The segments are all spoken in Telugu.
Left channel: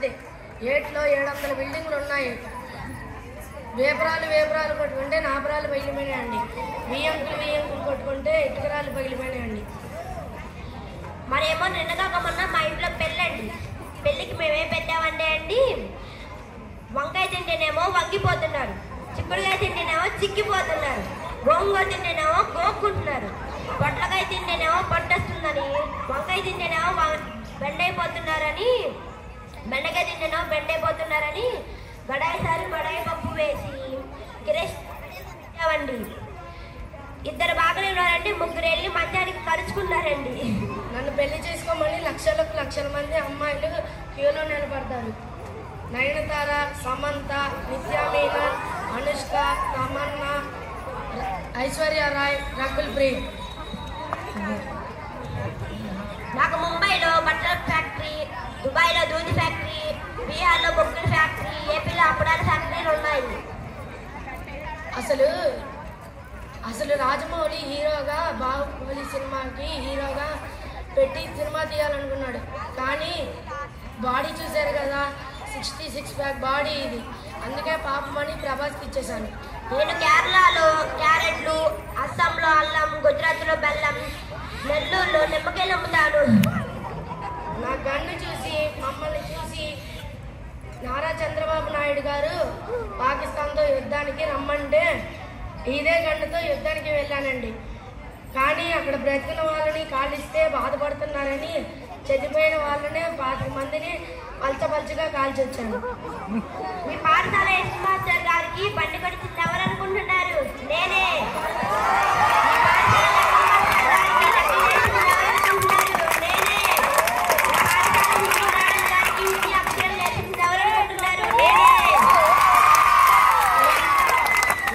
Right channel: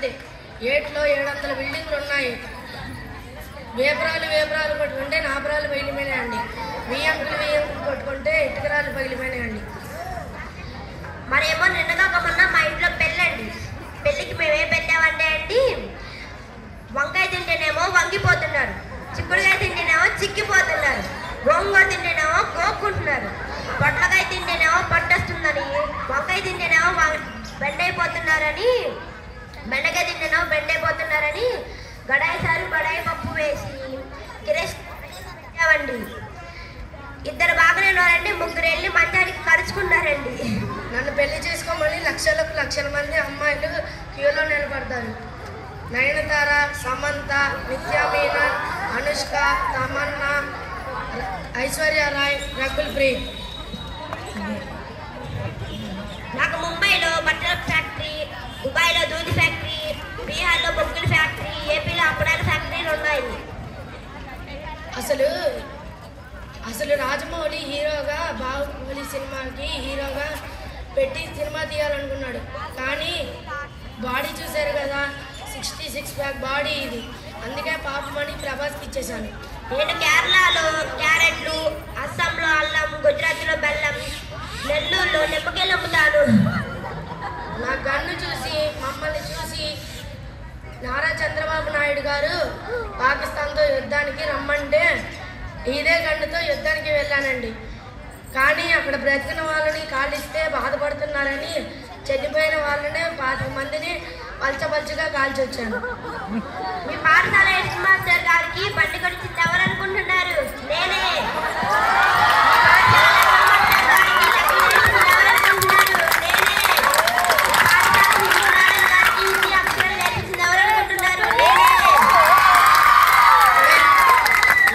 మాదే. ఏట్లో 700 బిల్డింగ్లు ఉన్నాయి. వేపరాలు కొట్టుకుంటే నాపరాలు పగిలిపోయినాయండి. బియ్యంకులు కొట్టుకుంటే ఇటుకరాలు పగిలిపోయినాయండి. మరేమో నిన్నగాక మొన్న మా ఇంట్లో పెళ్ళండి. పెళ్ళికి మేమేం పెట్టామంటే అండి, వంకాయ తింటేనేమో వంగిపోతున్నారు, చిక్కుడుకాయ తింటేనేమో చిక్కిపోతున్నారు, గోంగూర తింటేనేమో గోక్కుంటున్నారు, పొట్లకాయ తింటేనేమో పట్టొస్తుందని, వంకాయ తింటేనేమో బెండైపోతున్నారని, బెండకాయ తింటేనేమో బెండైపోతున్నారని గడాయి పప్పు వేసి కిరేష్ పెట్టామండి. 2 బాగానే ఉన్నారండి, 3 వెళ్ళి మంచానికి కరుచుకున్నారండి. నన్ను పెళ్లి చేసుకోమని లక్షల మంది అమ్మాయిలు క్యూలో నిలబడతారు. నయనతార, సమంత, నిత్యా మీనన్, అనుష్క, తమన్నా, ఐశ్వర్య రాయ్, రకుల్ ప్రీత్. నాకు ముంబైలో బట్టల ఫ్యాక్టరీ, దుబాయ్లో దూది ఫ్యాక్టరీ, బీహార్లో బొగ్గుల ఫ్యాక్టరీ, ఏపీలో అప్పడాల ఫ్యాక్టరీలు ఉన్నాయి. అసలు రాజమౌళి హీరోగా బాహుబలి సినిమాకి హీరోగా పెట్టి సినిమా తీయాలనుకున్నాడు. కానీ బాడీ చూశారు కదా, 66 ప్యాక్ బాడీ ఇది. అందుకే పాపమని ప్రభాస్కి ఇచ్చేశాను. నేను కేరళలో క్యారెట్లు, అస్సాంలో అల్లం, గుజరాత్లో బెల్లం, నెల్లూరులో నిమ్మకాయలు అమ్ముతాను. నా గన్ను చూసి మమ్మల్ని చూసి నారా చంద్రబాబు నాయుడు గారు పాకిస్తాన్తో యుద్ధానికి రమ్మంటే ఇదే గన్నుతో యుద్ధానికి వెళ్ళానండి. కానీ అక్కడ బ్రతికిన వాళ్ళని కాల్చిస్తే బాధపడుతున్నారని చనిపోయిన వాళ్ళనే 25 మందిని పల్చగా కాల్చొచ్చాను. మీ పాఠశాల హెడ్ మాస్టర్ గారికి బండి కొనిచ్చింది ఎవరు అనుకుంటున్నారు? నేనే.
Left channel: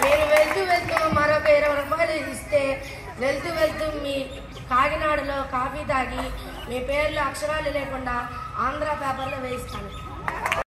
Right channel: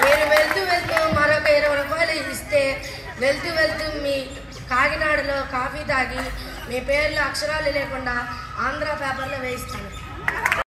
నేను వెళ్తూ మరొక 20 రూపాయలు ఇస్తే వెళ్తూ మీ కాకినాడలో కాఫీ తాగి మీ పేర్లు అక్షరాలు లేకుండా ఆంధ్ర పేపర్లో వేయిస్తాను.